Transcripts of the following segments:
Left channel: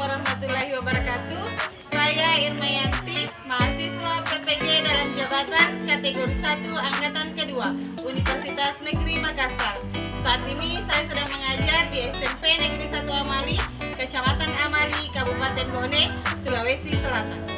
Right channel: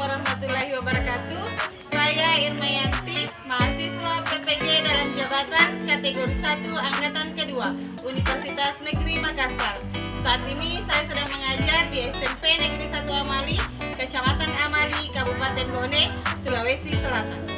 warahmatullahi wabarakatuh. Saya Irmayanti, mahasiswa PPG dalam jabatan kategori 1 angkatan kedua Universitas Negeri Makassar. Saat ini saya sedang mengajar di SMP Negeri 1 Amali, Kecamatan Amali, Kabupaten Bone, Sulawesi Selatan.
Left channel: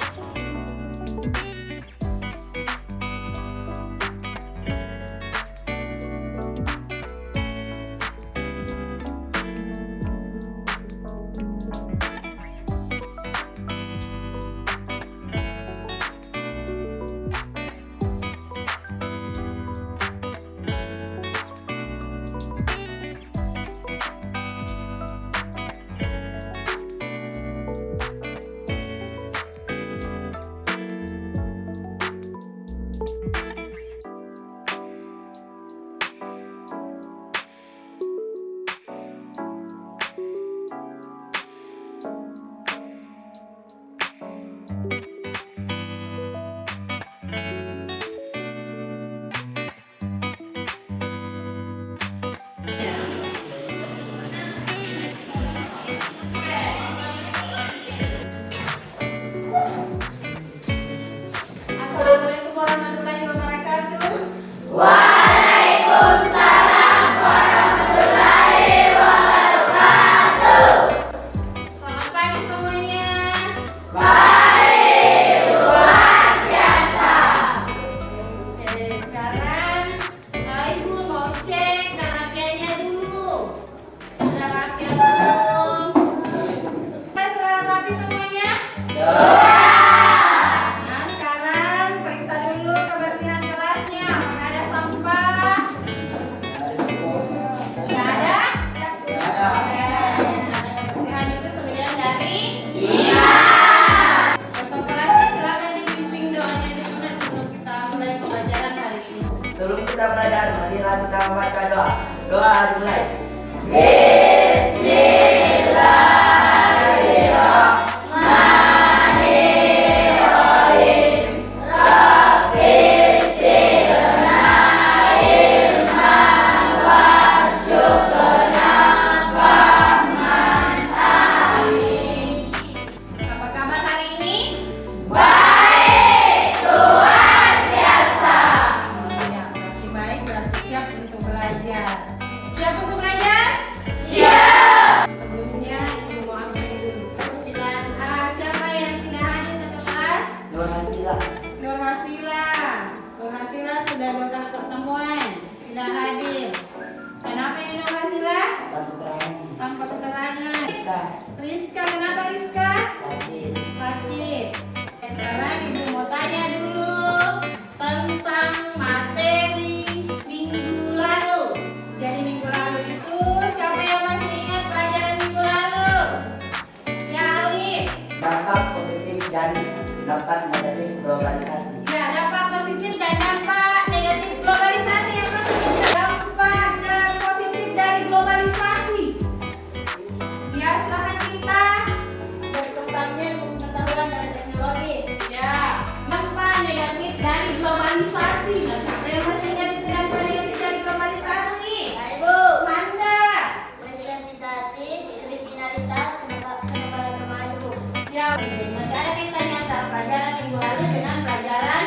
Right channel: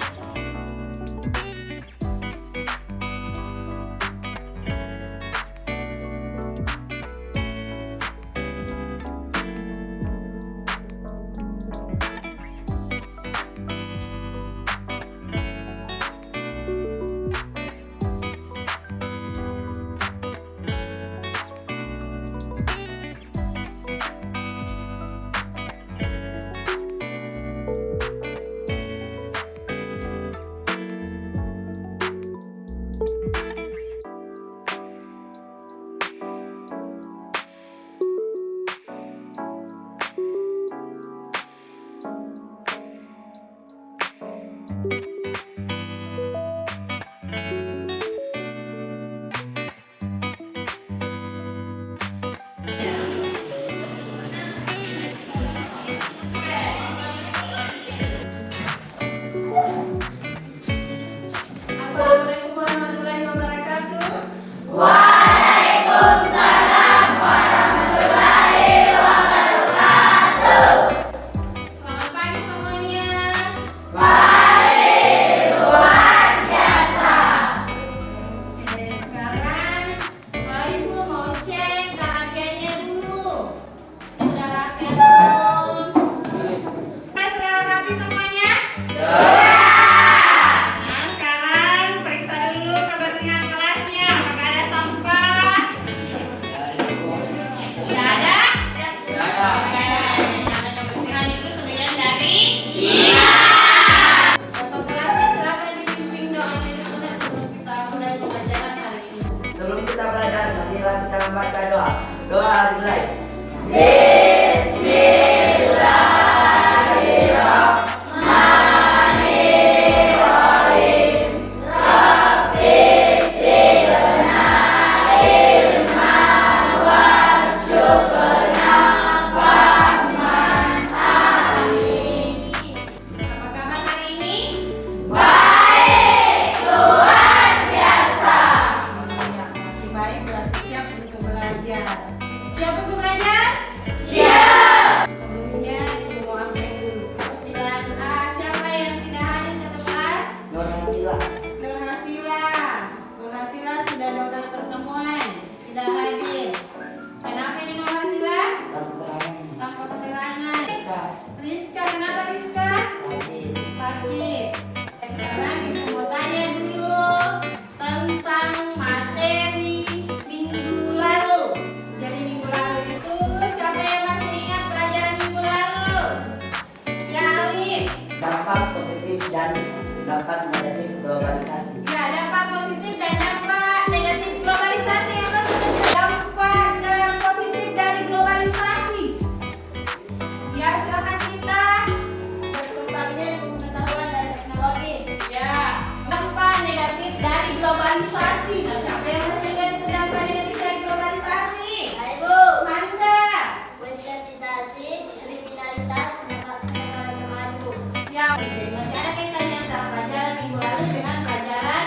Assalamualaikum warahmatullahi wabarakatuh. Waalaikumsalam warahmatullahi wabarakatuh. Selamat pagi semuanya. Baik, luar biasa. Oke, sekarang Ibu mau cek KKP-nya dulu. Sudah rapi belum? Sudah rapi semuanya? Nah, sekarang periksa dulu kebersihan kelasnya. Apakah ada sampah? Tidak ada? Oke, kebersihan itu sembilan dari? Ketua kelasnya silakan dibimbing doanya dulu dan sebelum kita mulai pelajaran hari ini. Sebelum kita belajar, marilah kita membaca doa. Doa dimulai. Apa kabar hari ini? Baik, luar biasa. Ya, masih baik, berarti siap untuk belajar. Siap untuk belajar? Siap. Sebelumnya Ibu mau absen dulu. Dan siapa yang tidak hadir ke kelas? Nur Hasila. Nur Hasila. Nur Hasila sudah 2 kali pertemuan, tidak hadir. Kenapa ini Nur Hasila? Tanpa keterangan. Tanpa keterangan. Kita Rizka, kenapa Rizka? sakit. Sakit. Sekarang Ibu mau tanya dulu tentang materi minggu lalu. Jadi minggu lalu itu siapa yang masih ingat pelajaran minggu lalu? Ya Alif. Dampak positif dan dampak negatif globalisasi. Ya, dampak positif dan dampak negatif globalisasi. Yang maksudnya dampak dan positif dari globalisasi. Ya, silakan kita. Berkembangnya pengetahuan dan teknologi. Ya, dampak negatif dari globalisasi. Nah, siapa yang masih ingat itu dampak negatif dari globalisasi? Baik, Bu. Manda. Westernizasi, kriminalitas, penegak remaja. Ya, masih ada kaitannya antara pelajaran minggu lalu dengan pelajaran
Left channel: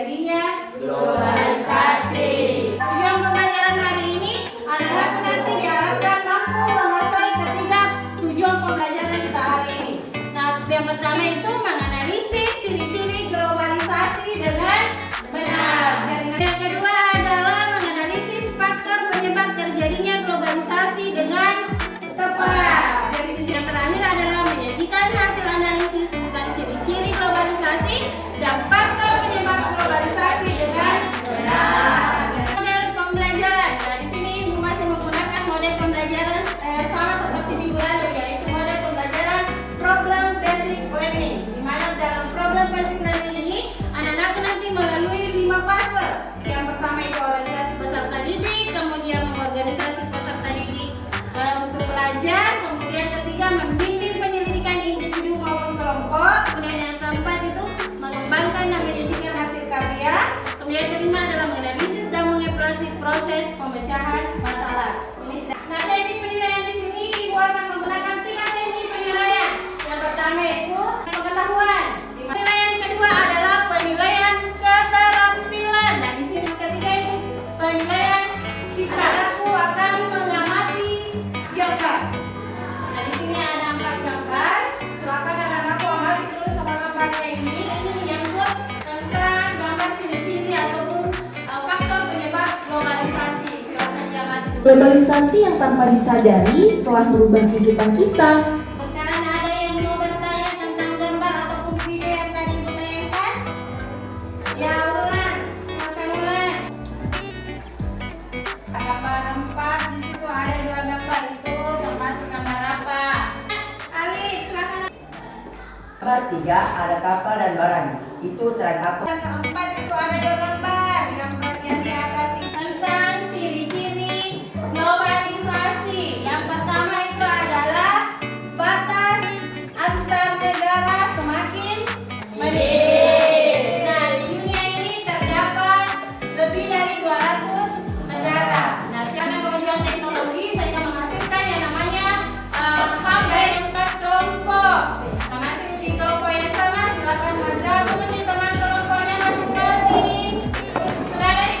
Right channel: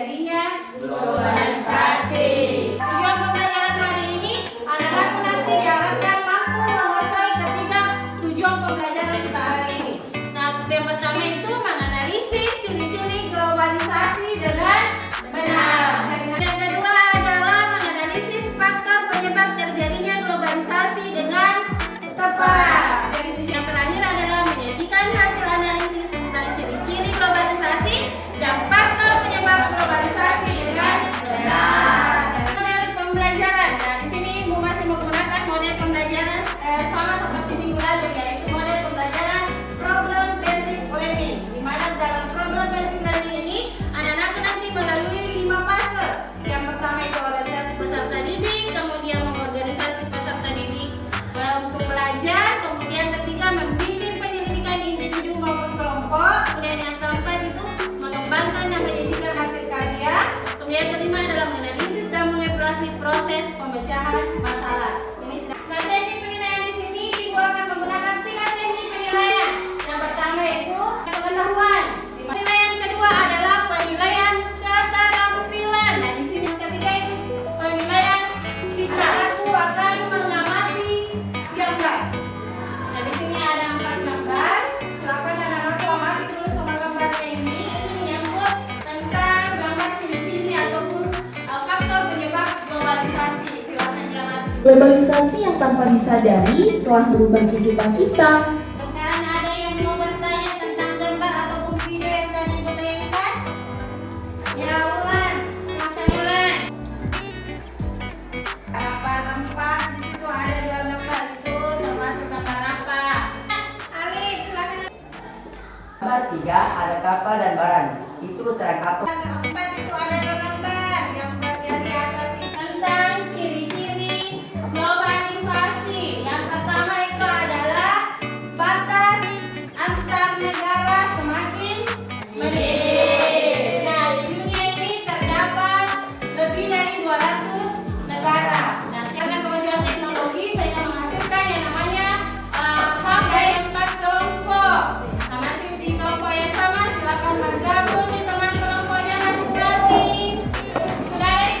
terjadinya Globalisasi. tujuan pembelajaran hari ini anak-anak nanti diharapkan mampu menguasai ketiga tujuan pembelajaran kita hari ini. Nah, yang pertama itu menganalisis ciri-ciri globalisasi dengan benar. Yang kedua adalah menganalisis faktor penyebab terjadinya globalisasi dengan tepat. Yang terakhir adalah menyajikan hasil analisis tentang ciri-ciri globalisasi dan faktor penyebab globalisasi dengan benar. Model pembelajaran. Nah, di sini Ibu masih menggunakan model pembelajaran sama seperti minggu lalu, yaitu model pembelajaran problem basic learning. Di mana dalam problem basic learning ini anak-anak nanti melalui 5 fase. Yang pertama itu orientasi peserta didik, kemudian mengorganisasi peserta didik untuk belajar, kemudian ketiga membimbing penyelidikan individu maupun kelompok, kemudian yang keempat itu mengembangkan dan menyajikan hasil karya, kemudian kelima adalah menganalisis dan mengevaluasi proses pemecahan masalah. Nah, teknik penilaian di sini Ibu akan menggunakan 3 teknik penilaian. Yang pertama itu pengetahuan. Penilaian kedua adalah penilaian keterampilan. Nah, di sini ketiga itu penilaian sikap. Aku akan mengamati gambar. Nah, di sini ada 4 gambar. Silakan anak-anakku amati dulu sama gambarnya ini. Ini menyangkut tentang gambar ciri-ciri ataupun faktor penyebab globalisasi. Silakan diamati. Globalisasi yang tanpa disadari telah merubah kehidupan kita. Sekarang ada yang mau bertanya tentang gambar ataupun video yang tadi ditayangkan? Ya, ulang. Silakan ulang. Gambar 4 di situ ada 2 gambar itu termasuk gambar apa? Alif, silakan. Gambar 3 ada kapal dan barang. Itu serang apa? Yang keempat itu ada 2 gambar. Yang bagian di atas ini tentang ciri-ciri globalisasi. Yang pertama itu adalah batas antar negara semakin menipis. Nah, di dunia ini terdapat lebih dari 200 negara. Nah, karena kemajuan teknologi sehingga menghasilkan yang namanya hub dari 4 kelompok. Nah, masih di kelompok yang sama, silakan bergabung di teman kelompoknya masing-masing. Sudah ada di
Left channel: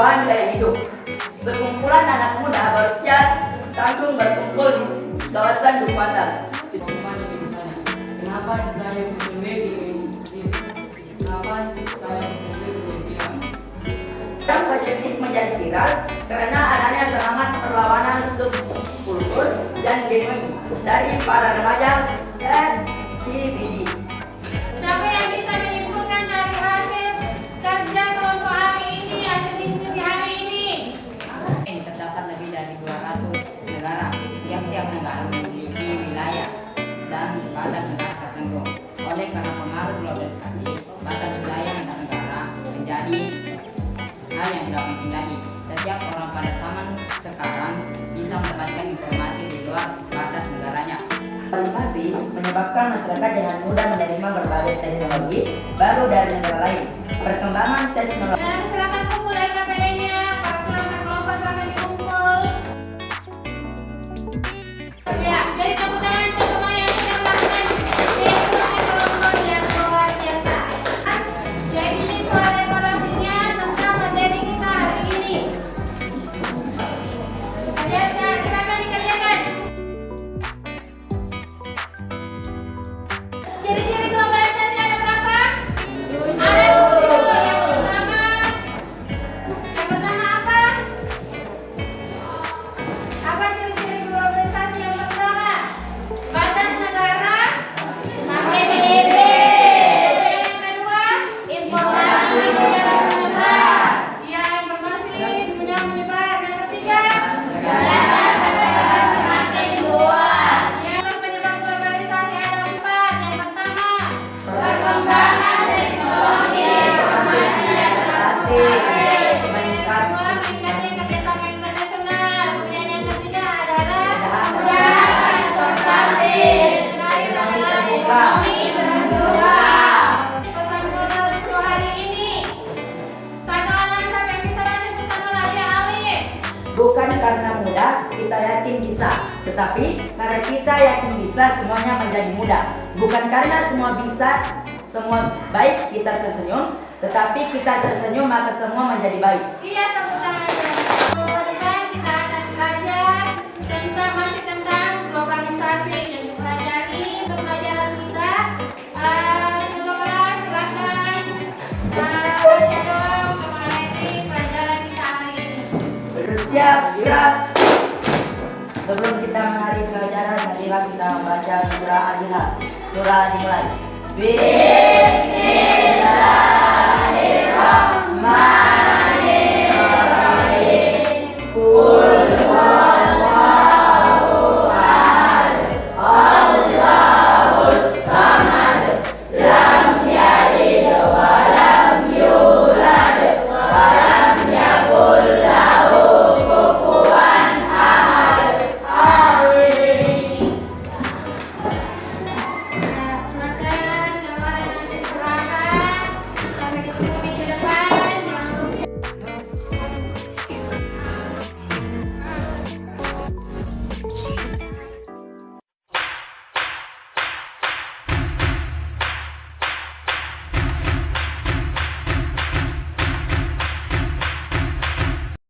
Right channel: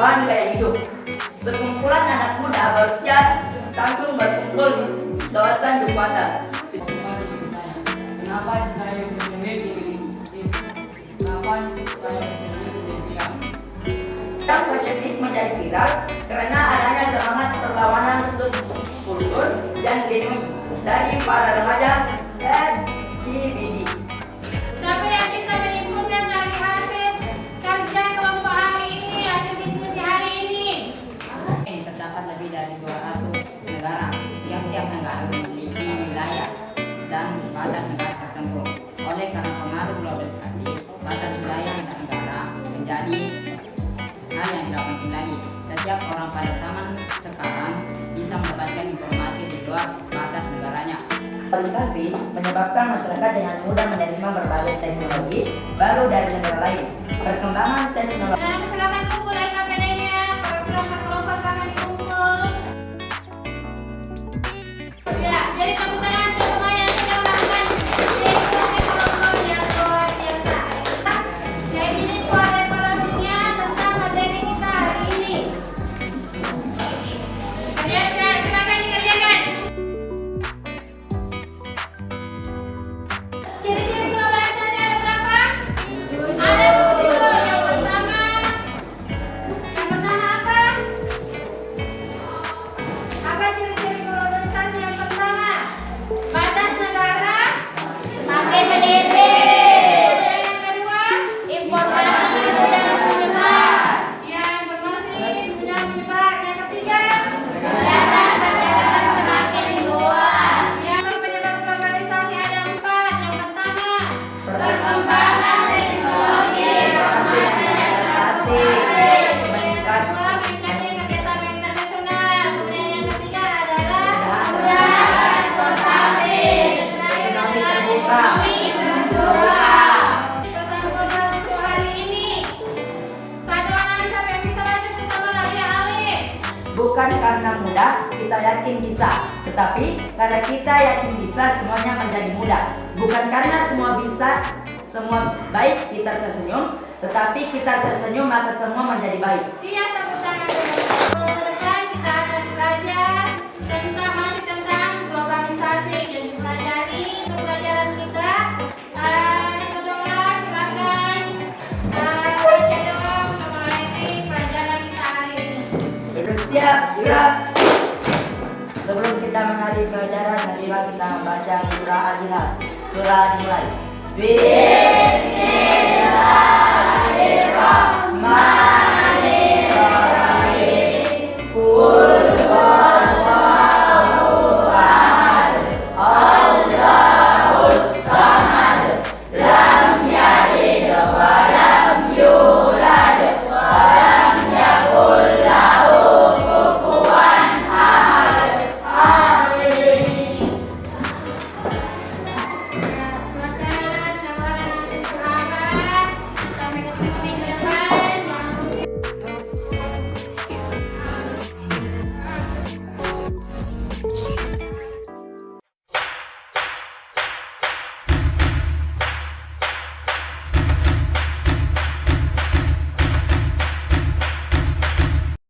perubahan gaya hidup. Sekumpulan anak muda bersiap langsung berkumpul di kawasan Duku Atas. Kenapa saya memilih kenapa saya memilih Yang positif menjadi viral karena adanya semangat perlawanan subkultur dan genuin dari para remaja LGBT. Siapa yang bisa menyimpulkan dari hasil kerja kelompok hari ini, hasil diskusi hari ini? Ini terdapat lebih dari 200 negara. Tiap-tiap negara memiliki wilayah dan batas negara tertentu. Oleh karena pengaruh globalisasi, batas wilayah antar negara menjadi hal yang tidak penting lagi. Setiap orang pada zaman sekarang bisa mendapatkan informasi di luar batas negaranya. Globalisasi menyebabkan masyarakat dengan mudah menerima berbagai teknologi baru dari negara lain. Perkembangan teknologi Sekarang silakan kumpul LKPD-nya, para kelompok silakan dikumpul. Ya, jadi tepuk tangan untuk semua yang sudah melakukan diskusi kelompok yang luar biasa. Jadi ini soal evaluasinya tentang materi kita hari ini. Ya, silakan dikerjakan. Ciri-ciri globalisasi ada berapa? Ada 7. Yang pertama apa? Apa ciri-ciri globalisasi yang pertama? Batas negara makin menipis. Yang kedua, Informasi mudah menyebar. yang berbasis mudah menyebar. Yang ketiga, Semakin luas. yang penyebab globalisasi ada 4. Yang pertama, Perkembangan teknologi informasi dan transportasi. yang kedua, meningkatnya kerjasama internasional. Kemudian yang ketiga adalah Mudah transportasi. yang terakhir adalah ekonomi. Pesan global untuk hari ini. Satu orang siapa yang bisa baca bersama Raja Ali? bukan karena mudah kita yakin bisa, tetapi karena kita yakin bisa semuanya menjadi mudah. Bukan karena semua bisa, semua baik kita tersenyum, tetapi kita tersenyum maka semua menjadi baik. Iya, tepuk tangan. Minggu depan kita akan belajar tentang globalisasi yang dipelajari untuk pelajaran kita. Kedua kelas silakan baca dong mengenai pelajaran kita hari ini. Bersiap, gerak. Sebelum kita menghadiri pelajaran, marilah kita membaca surah Al-Ikhlas. Surah dimulai. Bismillahirrahmanirrahim.